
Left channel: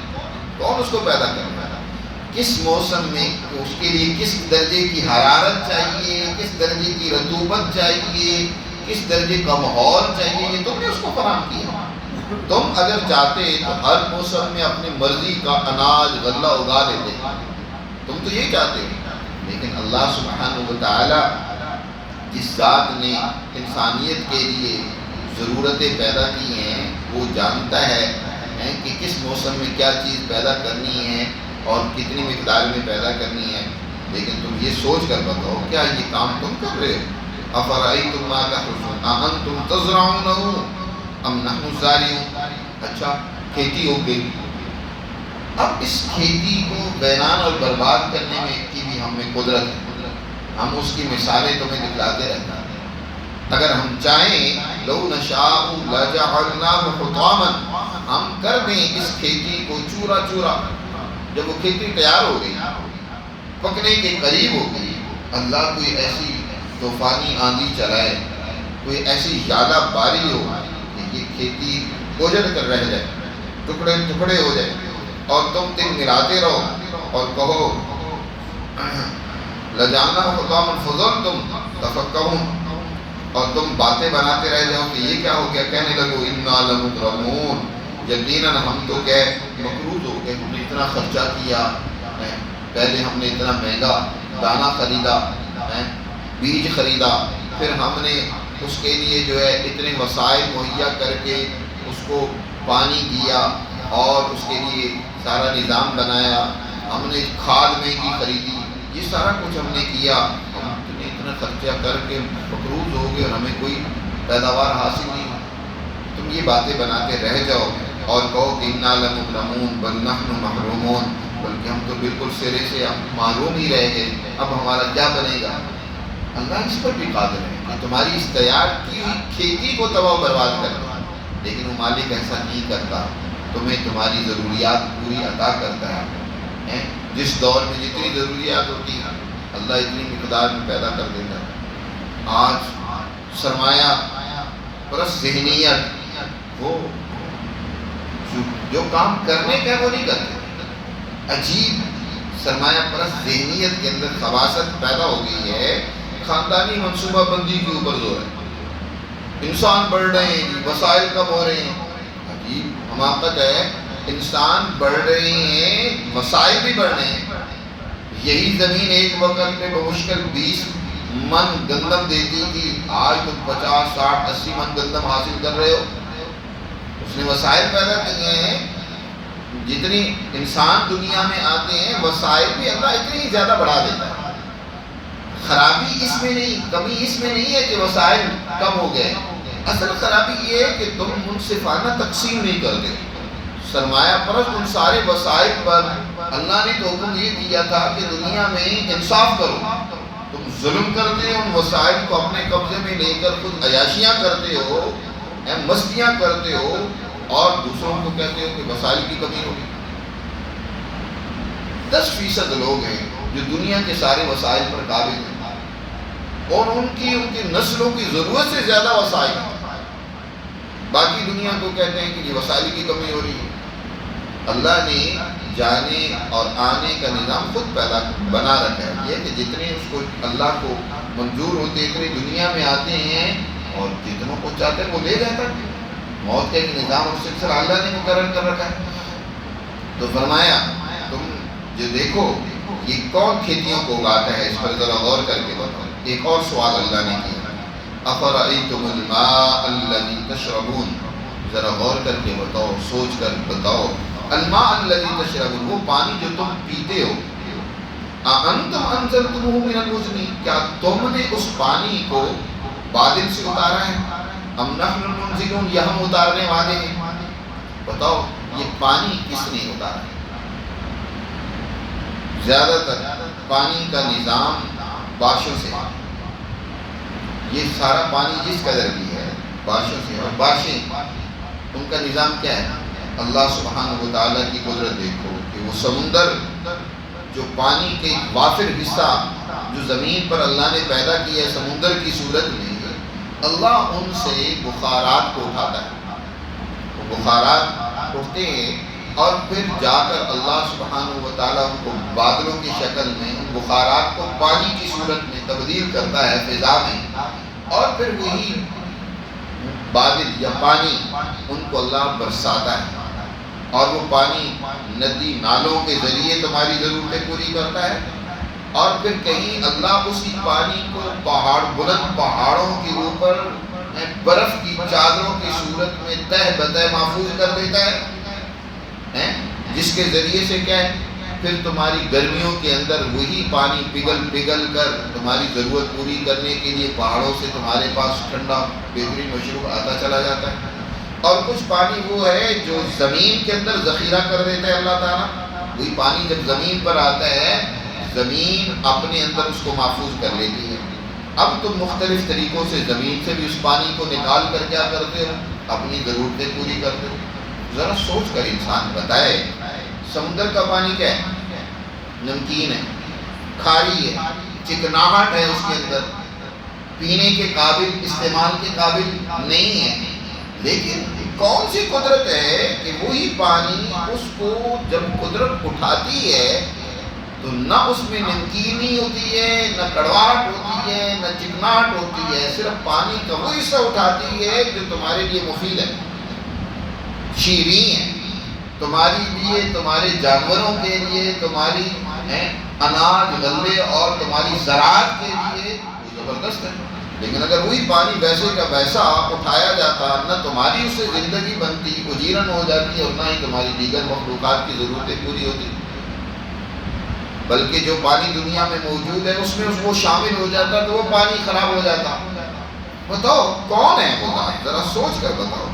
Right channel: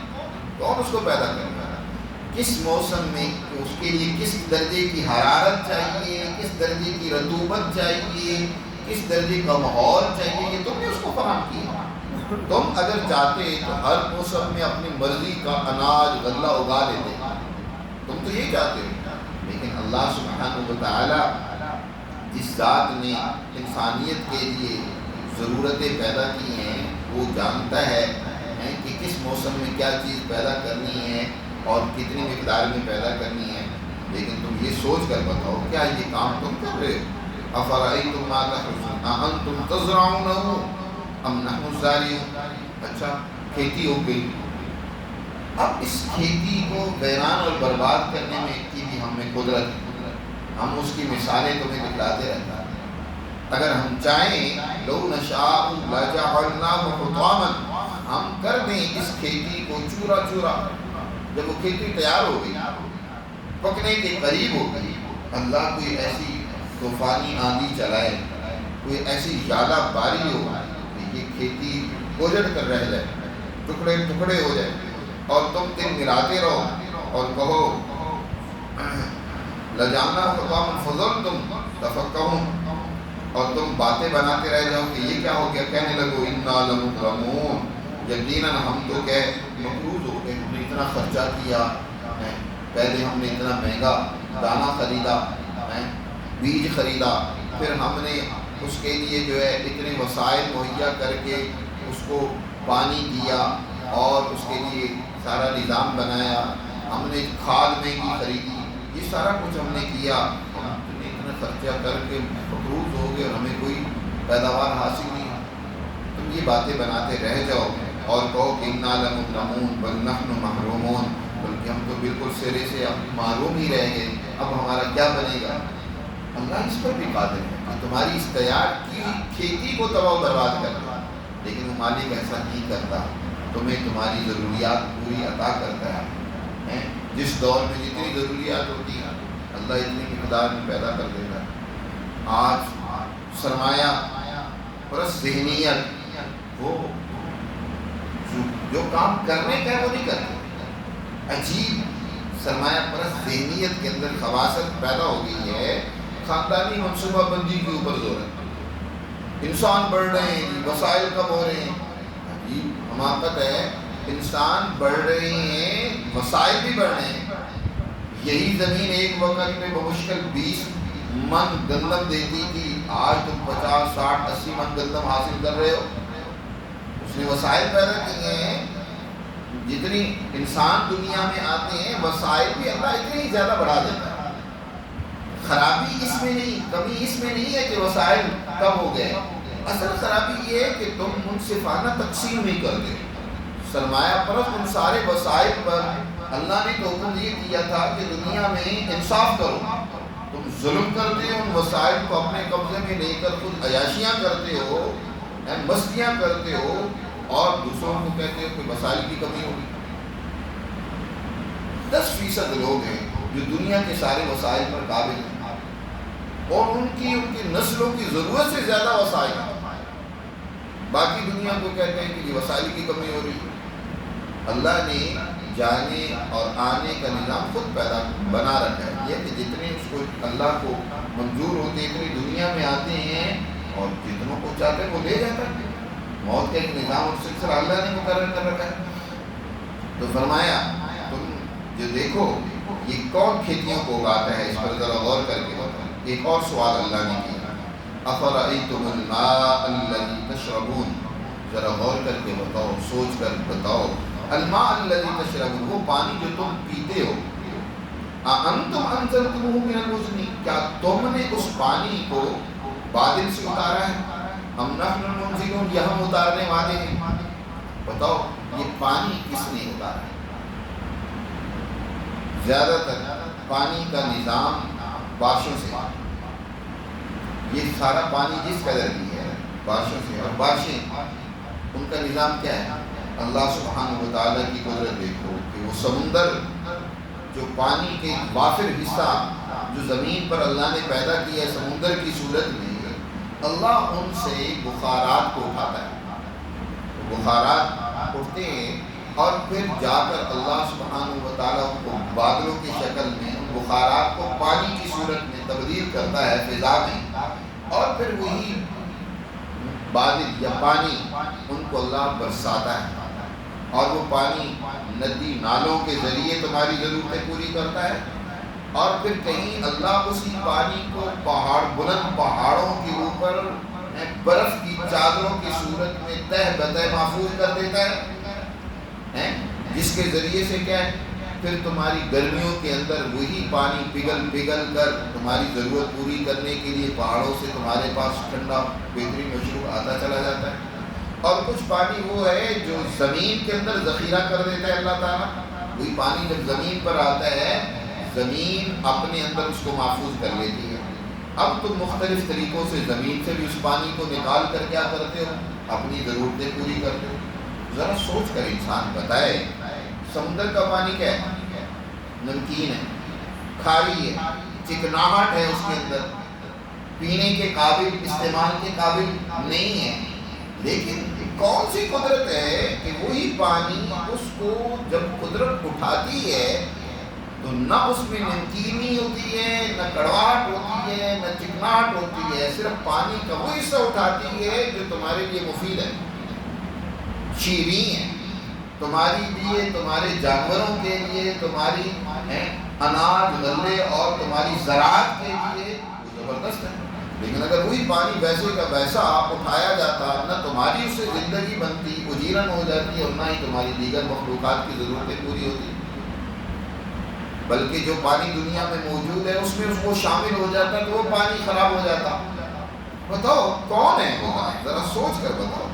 کون اس کو پیدا کرے گا؟ کس موسم میں اس کے لیے کس درجے کی حرارت چاہیے، کس درجے کی رطوبت چاہیے، کس درجے کا ماحول چاہیے، یہ تم نے اس کو فراہم کیا۔ تم اگر چاہتے تو ہر موسم میں اپنی مرضی کا اناج غلہ اگا لیتے، تم تو یہ چاہتے ہو، لیکن اللہ سبحانہ و تعالی جس ذات نے انسانیت کے لیے ضرورتیں پیدا کی ہیں وہ جانتا ہے کہ کس موسم میں کیا چیز پیدا کرنی ہے اور کتنی مقدار میں پیدا کرنی ہے۔ لیکن تم یہ سوچ کر بتاؤ کیا یہ کام تم کر رہے ہو؟ افرأیتم ما تحرثون اانتم تزرعونہ ام نحن الزارعون۔ اچھا کھیتی ہو گئی، اب اس کھیتی کو ویران اور برباد کرنے میں کی بھی ہم میں قدرت ہے، ہم اس کی مثالیں تمہیں دکھلاتے رہتے ہیں۔ اگر ہم چاہیں لو نشاء لجعلناہ حطاما، ہم کر دیں اس کھیتی کو چورا چورا۔ جب وہ کھیتی تیار ہو گئی، پکنے کے قریب ہو گئی، اللہ کوئی ایسی طوفانی آندھی چلائے، کوئی ایسی ژالہ باری ہو کہ یہ کھیتی اجڑ کر رہ جائے، ٹکڑے ٹکڑے ہو جائے، اور تم دن ملاتے رہو اور کہو لجعلناہ حطاما فظلتم تفکرون، اور تم باتیں بناتے رہ جاؤ کہ یہ کیا ہو گیا، کہنے لگو انا لمغرمون، یقیناً ہم تو کہ مقروض ہو گئے، ہم نے اتنا خرچہ کیا، پہلے ہم نے اتنا مہنگا دانہ خریدا، بیج خریدا، پھر ہم نے اس کے لیے جو ہے اتنے وسائل مہیا کر کے اس کو پانی دیا اور اس کے لیے سارا نظام بنایا، ہم نے کھاد مہنگی خریدی، یہ سارا کچھ ہم نے کیا، ہم نے اتنا خرچہ کر کے مقروض ہو گئے اور ہمیں کوئی پیداوار حاصل نہیں۔ تم یہ باتیں بناتے رہ جاؤ اور کہو کہ انا لمغرمون بل نحن محرومون، بلکہ ہم تو بالکل سرے سے اب محروم ہی رہ گئے، اب ہمارا کیا بنے گا۔ اللہ اس پر بھی قادر ہے کہ تمہاری اس تیار کی ہوئی کھیتی کو تباہ و برباد کر دے، لیکن وہ مالک ایسا نہیں کرتا، تمہیں تمہاری ضروریات پوری عطا کرتا ہے۔ جس دور میں جتنی ضروریات ہوتی ہیں اللہ اتنی مقدار میں پیدا کر دیتا ہے۔ آج سرمایہ پرست ذہنیت وہ جو کام کرنے کا ہے وہ نہیں کرتے، عجیب سرمایہ پرست ذہنیت کے اندر خباثت پیدا ہو گئی ہے، خاندانی منصوبہ بندی کے اوپر زور ہے، انسان بڑھ رہے ہیں، وسائل کم ہو رہے ہیں، عجیب حماقت ہے، انسان بڑھ رہے ہیں وسائل بھی بڑھ رہے ہیں۔ یہی زمین ایک وقت میں بمشکل 20 من گندم دیتی تھی، آج تم 50 60 80 من گندم حاصل کر رہے ہو۔ اس نے وسائل پیدا کیے ہیں، جتنی انسان دنیا میں آتے ہیں وسائل بھی اللہ اتنی زیادہ بڑھا دیتا ہے۔ خرابی اس میں نہیں، کمی اس میں نہیں ہے کہ وسائل کم ہو گئے، اصل خرابی یہ ہے کہ تم منصفانہ تقسیم نہیں کرتے۔ سرمایہ پرست ان سارے وسائل پر اللہ نے تو حکم یہ دیا تھا کہ دنیا میں انصاف کرو، تم ظلم کرتے ہو، ان وسائل کو اپنے قبضے میں لے کر خود عیاشیاں کرتے ہو، مستیاں کرتے ہو، اور دوسروں کو کہتے ہو کہ وسائل کی کمی ہوگی۔ 10% لوگ ہیں جو دنیا کے سارے وسائل پر قابل ہیں، اور ان کی نسلوں کی ضرورت سے زیادہ وسائل ہیں، باقی دنیا کو کہتے ہیں کہ یہ وسائل کی کمی ہو رہی ہے۔ اللہ نے جانے اور آنے کا نظام خود پیدا بنا رکھا ہے، یہ کہ جتنے اس کو اللہ کو منظور ہوتے اتنے دنیا میں آتے ہیں، اور جتنوں کو چاہتے ہیں وہ لے جاتا ہے۔ موت کا ایک نظام اور سلسلہ اللہ نے مقرر کر رکھا ہے۔ تو فرمایا تم جو دیکھو یہ کون کھیتیوں کو اگاتا ہے، اس پر ذرا غور کر کے بتاؤ۔ ایک اور سوال اللہ نے کیا، افرأیتم الماء الذی تشربون، ذرا غور کر کے بتاؤ، سوچ کر بتاؤ، الماء الذی تشربون، وہ پانی جو تم پیتے ہو، اانتم انزلتموہ من المزن، کیا تم نے اس پانی کو بادل سے اتارا ہے، ام نحن المنزلون، یا ہم اتارنے والے ہیں؟ بتاؤ یہ پانی کس نے اتارا ہے؟ زیادہ تر پانی کا نظام بارشوں سے، یہ سارا پانی جس قدر بھی ہے بارشوں سے، اور بارشیں ان کا نظام کیا ہے؟ اللہ سبحانہ و تعالیٰ کی قدرت دیکھو کہ وہ سمندر جو پانی کے وافر حصہ جو زمین پر اللہ نے پیدا کیا ہے سمندر کی صورت میں، اللہ ان سے بخارات کو اٹھاتا ہے، وہ بخارات اٹھتے ہیں اور پھر جا کر اللہ سبحانہ و تعالیٰ ان کو بادلوں کی شکل میں ان بخارات کو پانی کی صورت میں تبدیل کرتا ہے فضا میں، اور پھر وہی بادل یا پانی ان کو اللہ برساتا ہے، اور وہ پانی ندی نالوں کے ذریعے تمہاری ضرورتیں پوری کرتا ہے، اور پھر کہیں اللہ اسی پانی کو بلند پہاڑوں کے اوپر برف کی چادروں کی صورت میں تہ بتہ محفوظ کر دیتا ہے، جس کے ذریعے سے کیا ہے پھر تمہاری گرمیوں کے اندر وہی پانی پگھل کر تمہاری ضرورت پوری کرنے کے لیے پہاڑوں سے تمہارے پاس ٹھنڈا بہترین مشروب آتا چلا جاتا ہے۔ اور کچھ پانی وہ ہے جو زمین کے اندر ذخیرہ کر دیتا ہے اللہ تعالیٰ، وہی پانی جب زمین پر آتا ہے زمین اپنے اندر اس کو محفوظ کر لیتی ہے۔ اب تم مختلف طریقوں سے زمین سے بھی اس پانی کو نکال کر کیا کرتے ہو، اپنی ضرورتیں پوری کرتے ہو۔ ذرا سوچ کر انسان بتائے، سمندر کا پانی کیا ہے؟ نمکین ہے، کھاری ہے، چکناہٹ ہے اس کے اندر، پینے کے قابل، استعمال کے قابل نہیں ہے، لیکن کون سی قدرت ہے کہ وہی پانی اس کو جب قدرت اٹھاتی ہے تو نہ اس میں نمکینی ہوتی ہے، نہ کڑواہٹ ہوتی ہے، نہ چکناہٹ ہوتی ہے، صرف پانی کا وہ حصہ اٹھاتی ہے جو تمہارے لیے مفید ہے، شیریں ہے تمہارے لیے، تمہارے جانوروں کے لیے، تمہاری اناج غلے اور تمہاری زراعت کے لیے وہ زبردست ہے۔ لیکن اگر وہی پانی ویسے کا ویسا اٹھایا جاتا، نہ تمہاری اس سے زندگی بنتی، اجیرن ہو جاتی، اور نہ ہی تمہاری دیگر مخلوقات کی ضرورتیں پوری ہوتی، بلکہ جو پانی دنیا میں موجود ہے اس میں وہ شامل ہو جاتا تو وہ پانی خراب ہو جاتا۔ بتاؤ کون ہے وہ ذات؟ ذرا سوچ کر بتاؤ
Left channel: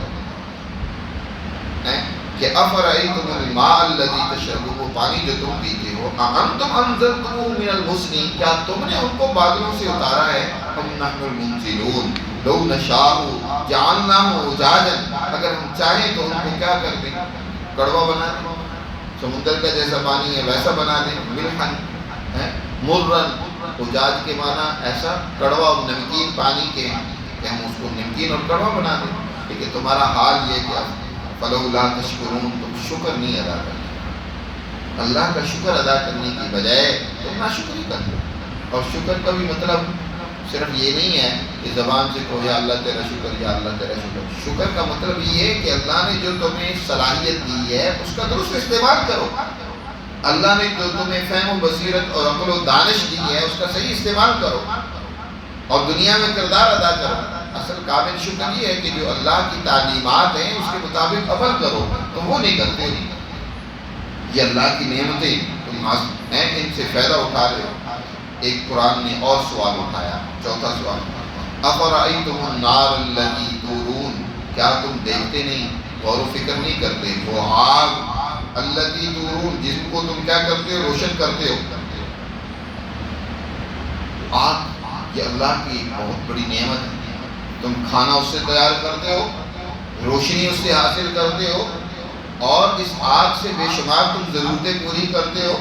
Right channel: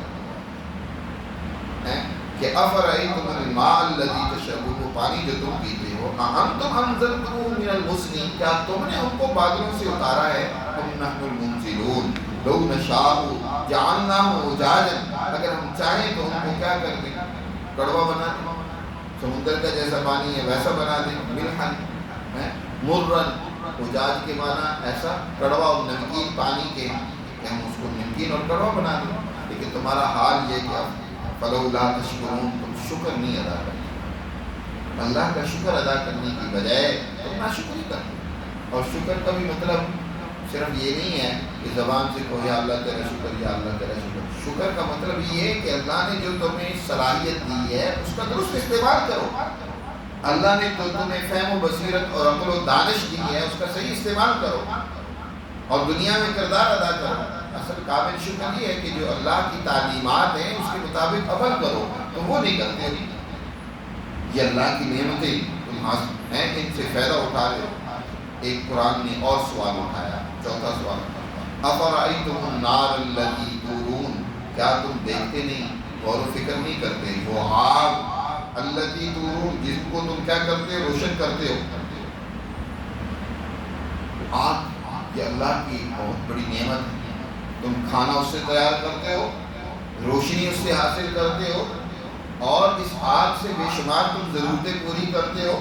کہ افرأیتم الماء الذی تشربون، وہ پانی جو تم پیتے ہو، اانتم انزلتموہ من المزن، کیا تم نے ان کو بادلوں سے اتارا ہے؟ ام نحن المنزلون لو نشاء جعلناہ اجاجا، اگر ہم چاہیں تو ان کو کیا کر دیں؟ کڑوا بنا دیں، سمندر کا جیسا پانی ہے ویسا بنا دیں، ملحن مرن، اجاج کے معنی ایسا کڑوا اور نمکین پانی کے ہیں کہ ہم اس کو نمکین اور کڑوا بنا دیں۔ لیکن تمہارا حال یہ کہ اب فلولا تشکرون، تم شکر نہیں ادا کرتے، اللہ کا شکر ادا کرنے کی بجائے تم ناشکری کرتے ہو۔ اور شکر کا بھی مطلب صرف یہ نہیں ہے کہ زبان سے کہو یا اللہ تیرا شکر، یا اللہ تیرا شکر۔ شکر کا مطلب یہ ہے کہ اللہ نے جو تمہیں صلاحیت دی ہے اس کا درست استعمال کرو، اللہ نے جو تمہیں فہم و بصیرت اور عقل و دانش دی ہے اس کا صحیح استعمال کرو، اور دنیا میں کردار ادا کرو۔ اصل کامل شکر یہ ہے کہ جو اللہ کی تعلیمات ہیں اس کے مطابق عمل کرو، تو وہ نہیں کرتے ہو۔ یہ اللہ کی نعمتیں تم ہیں، ان سے فائدہ اٹھا رہے ہو۔ ایک قرآن نے اور سوال اٹھایا، چوتھا سوال، افرأیتم النار التی تورون، کیا تم دیکھتے نہیں، غور و فکر نہیں کرتے، وہ آگ التی تورون جس کو تم کیا کرتے ہو، روشن کرتے ہو۔ آگ یہ اللہ کی بہت بڑی نعمت ہے، تم کھانا اس سے تیار کرتے ہو، روشنی اس سے حاصل کرتے ہو، اور اس آگ سے بے شمار تم ضرورتیں پوری کرتے ہو۔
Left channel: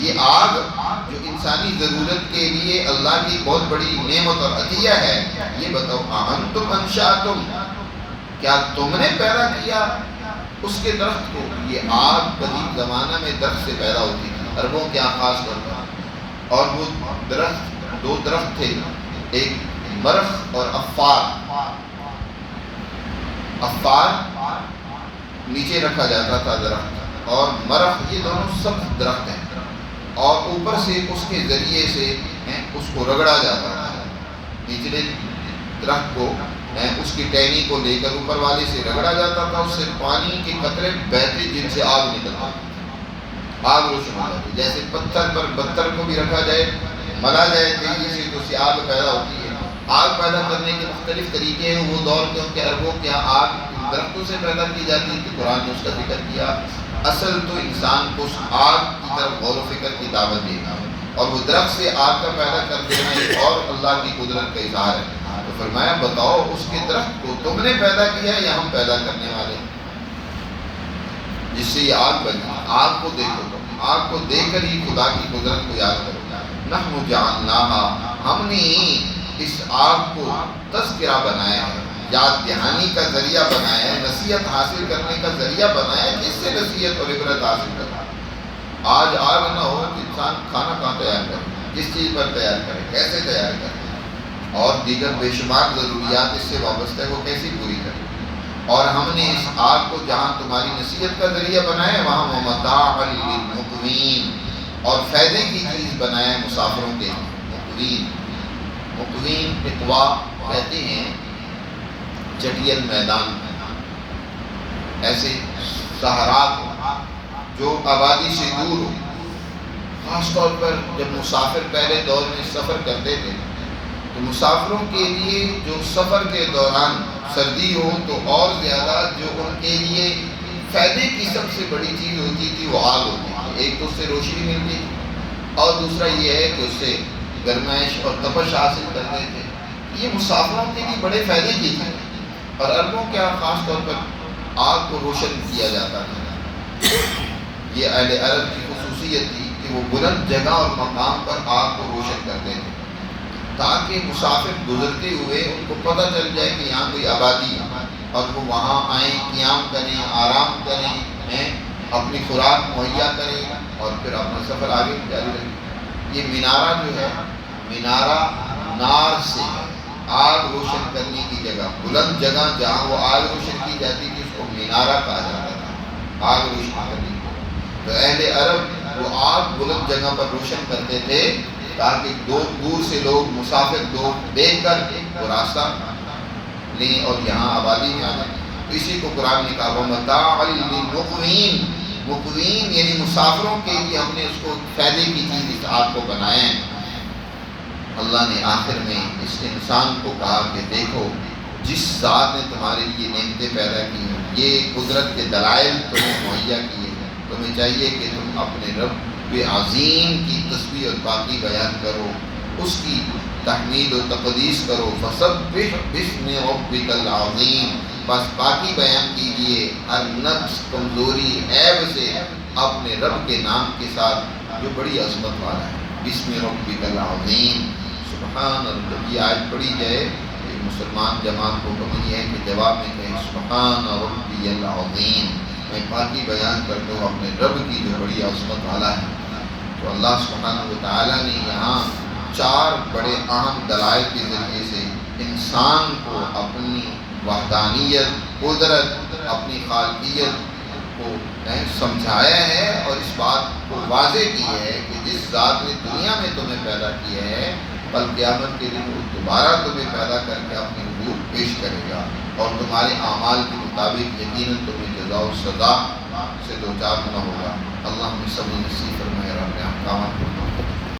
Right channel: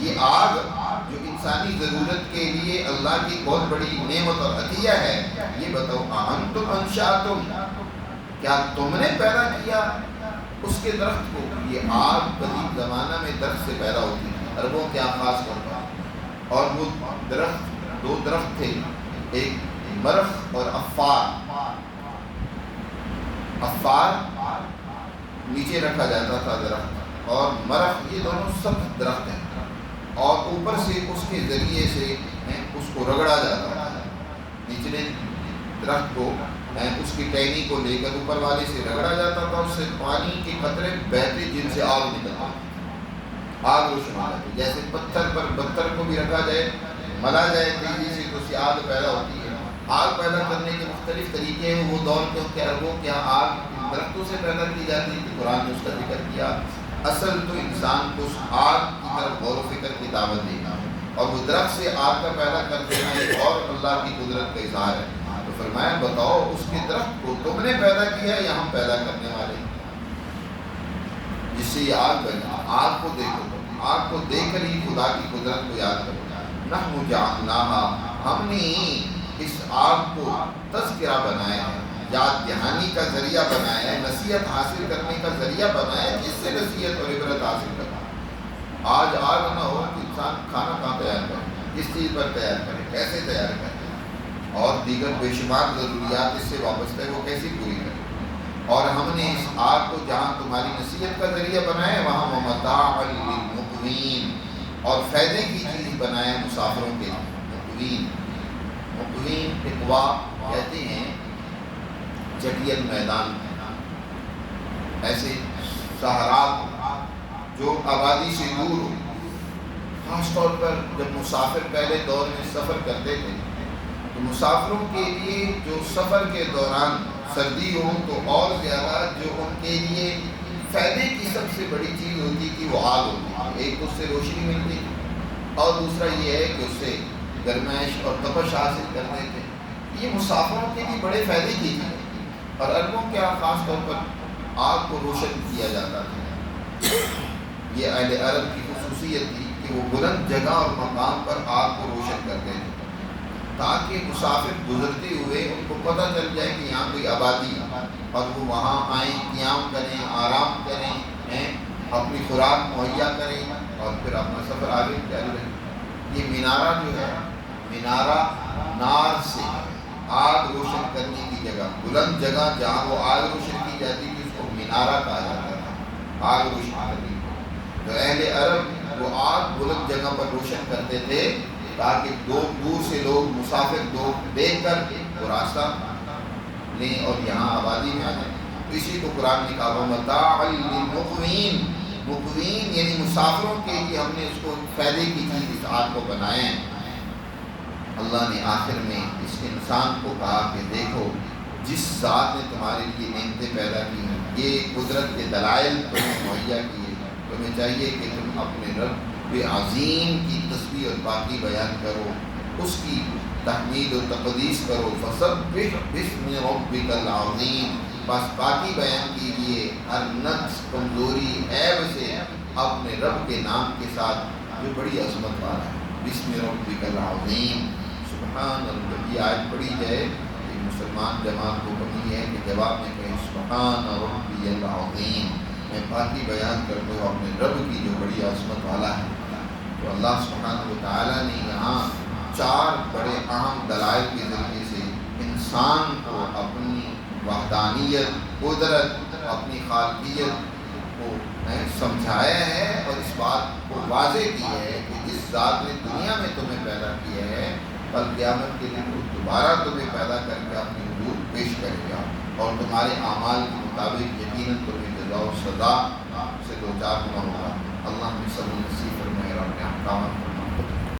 یہ آگ جو انسانی ضرورت کے لیے اللہ کی بہت بڑی نعمت اور عطیہ ہے، یہ بتاؤ اانتم انشأتم، کیا تم نے پیدا کیا اس کے درخت کو؟ یہ آگ قدیم زمانہ میں درخت سے پیدا ہوتی تھی، عربوں کے خاص طور پر، اور وہ درخت دو درخت تھے، ایک مرخ اور افار نیچے رکھا جاتا تھا درخت، اور مرخ، یہ دونوں سب درخت ہیں، اور اوپر سے اس کے ذریعے سے اس کو رگڑا جاتا تھا، نچلے درخت کو اس کی ٹہنی کو لے کر اوپر والے سے رگڑا جاتا تھا، اس سے پانی کے قطرے بہتے جن سے آگ نکلتا تھا، آگ روشن ہو جاتی۔ جیسے پتھر کو بھی رکھا جائے، ملا جائے تیزی سے تو اس سے آگ پیدا ہوتی ہے۔ آگ پیدا کرنے کے مختلف طریقے ہیں، وہ دور کے ان کے عربوں کے آگ درختوں سے پیدا کی جاتی ہے، کہ قرآن نے اس کا ذکر کیا۔ اصل تو انسان کو اس آگ کی طرف غور و فکر کی دعوت دینا ہے، اور وہ درخت سے آگ کا پیدا کر دینا ایک اور اللہ کی قدرت کا اظہار ہے۔ تو فرمایا بتاؤ اس کے درخت کو تم نے پیدا کیا ہے یا ہم پیدا کرنے والے، جس سے یہ آگ بنی۔ آگ کو دیکھو، تم آگ کو دیکھ کر ہی خدا کی قدرت کو یاد کرو۔ نحن جعلناہا، ہم نے اس آگ کو تذکرہ بنایا ہے، یاد دہانی کا ذریعہ بنایا ہے، نصیحت حاصل کرنے کا ذریعہ بنایا ہے، جس سے نصیحت اور عبرت حاصل کرنا۔ آج آگ نہ ہو کہ انسان کھانا کہاں تیار کرے، کس چیز پر تیار کرے، کیسے تیار کرے، اور دیگر بے شمار ضروریات اس سے وابستہ ہے وہ کیسی پوری کریں. اور ہم نے اس آگ کو جہاں تمہاری نصیحت کا ذریعہ بنایا ہے وہاں ومتاعا للمقوین اور فائدے کی چیز بنایا ہے مسافروں کے لیے. مقوین اقوا کہتے ہیں چٹیل میدان، ایسے صحرا جو آبادی سے دور ہو. خاص طور پر جب مسافر پہلے دور میں سفر کرتے تھے تو مسافروں کے لیے جو سفر کے دوران سردی ہو تو اور زیادہ جو ان کے لیے فائدے کی سب سے بڑی چیز ہوتی تھی وہ آگ ہوتی تھی. ایک تو اس سے روشنی ملتی تھی اور دوسرا یہ ہے کہ اس سے گرمائش اور تپش حاصل کرتے تھے. یہ مسافروں کے لیے بڑے فائدے کی تھی. اور عربوں کیا خاص طور پر آگ کو روشن کیا جاتا تھا. یہ اہل عرب کی خصوصیت تھی کہ وہ بلند جگہ اور مقام پر آگ کو روشن کرتے تھے تاکہ مسافر گزرتے ہوئے ان کو پتہ چل جائے کہ یہاں کوئی آبادی ہے اور وہ وہاں آئیں، قیام کریں، آرام کریں، اپنی خوراک مہیا کریں اور پھر اپنا سفر آگے جاری رکھیں. یہ مینارہ جو ہے، مینارہ نار سے آگ روشن کرنے کی جگہ، بلند جگہ جہاں وہ آگ روشن کی جاتی تھی اس کو مینارہ کہا جاتا تھا، آگ روشن کرنے کی. تو اہل عرب وہ آگ بلند جگہ پر روشن کرتے تھے تاکہ دور سے لوگ مسافر لوگ دیکھ کر وہ راستہ لیں اور یہاں آبادی میں آ جائیں. تو اسی کو قرآن نے کہا وَمَتَاعًا لِلْمُقْوِينَ، مقوین یعنی مسافروں کے لیے ہم نے اس کو فائدے کی چیز اس آگ کو بنایا ہے. اللہ نے آخر میں اس انسان کو کہا کہ دیکھو جس ذات نے تمہارے لیے نعمتیں پیدا کی ہیں، یہ قدرت کے دلائل تمہیں مہیا کیے ہیں، تمہیں چاہیے کہ تم اپنے رب عظیم کی تسبیح اور پاکی بیان کرو، اس کی تحمید و تقدیس کرو. فسبح باسم ربک العظیم، بس پاکی بیان کیجیے ہر نقص، کمزوری، عیب سے اپنے رب کے نام کے ساتھ جو بڑی عظمت والا ہے. باسم ربک العظیم. سبحان اللہ. جب یہ آیت پڑھی جائے کہ مسلمان جماعت کو حکم یہ ہے کہ جواب میں کہیں سبحان ربی العظیم، میں پاکی بیان کرتا ہوں اپنے رب کی جو بڑی عظمت والا ہے. تو اللہ سبحانہ وتعالیٰ نے یہاں 4 بڑے اہم دلائل کے ذریعے سے انسان کو اپنی وحدانیت، قدرت، اپنی خالقیت کو سمجھایا ہے اور اس بات کو واضح کیا ہے کہ جس ذات نے دنیا میں تمہیں پیدا کیا ہے کل قیامت کے دن وہ دوبارہ تمہیں پیدا کر کے اپنی حضور پیش کرے گا اور تمہارے اعمال کے مطابق یقیناً تمہیں جزا و سزا سے دوچار ہونا ہوگا. اللہ ہمیں سب نصیب فرمائے اور اپنے احکامات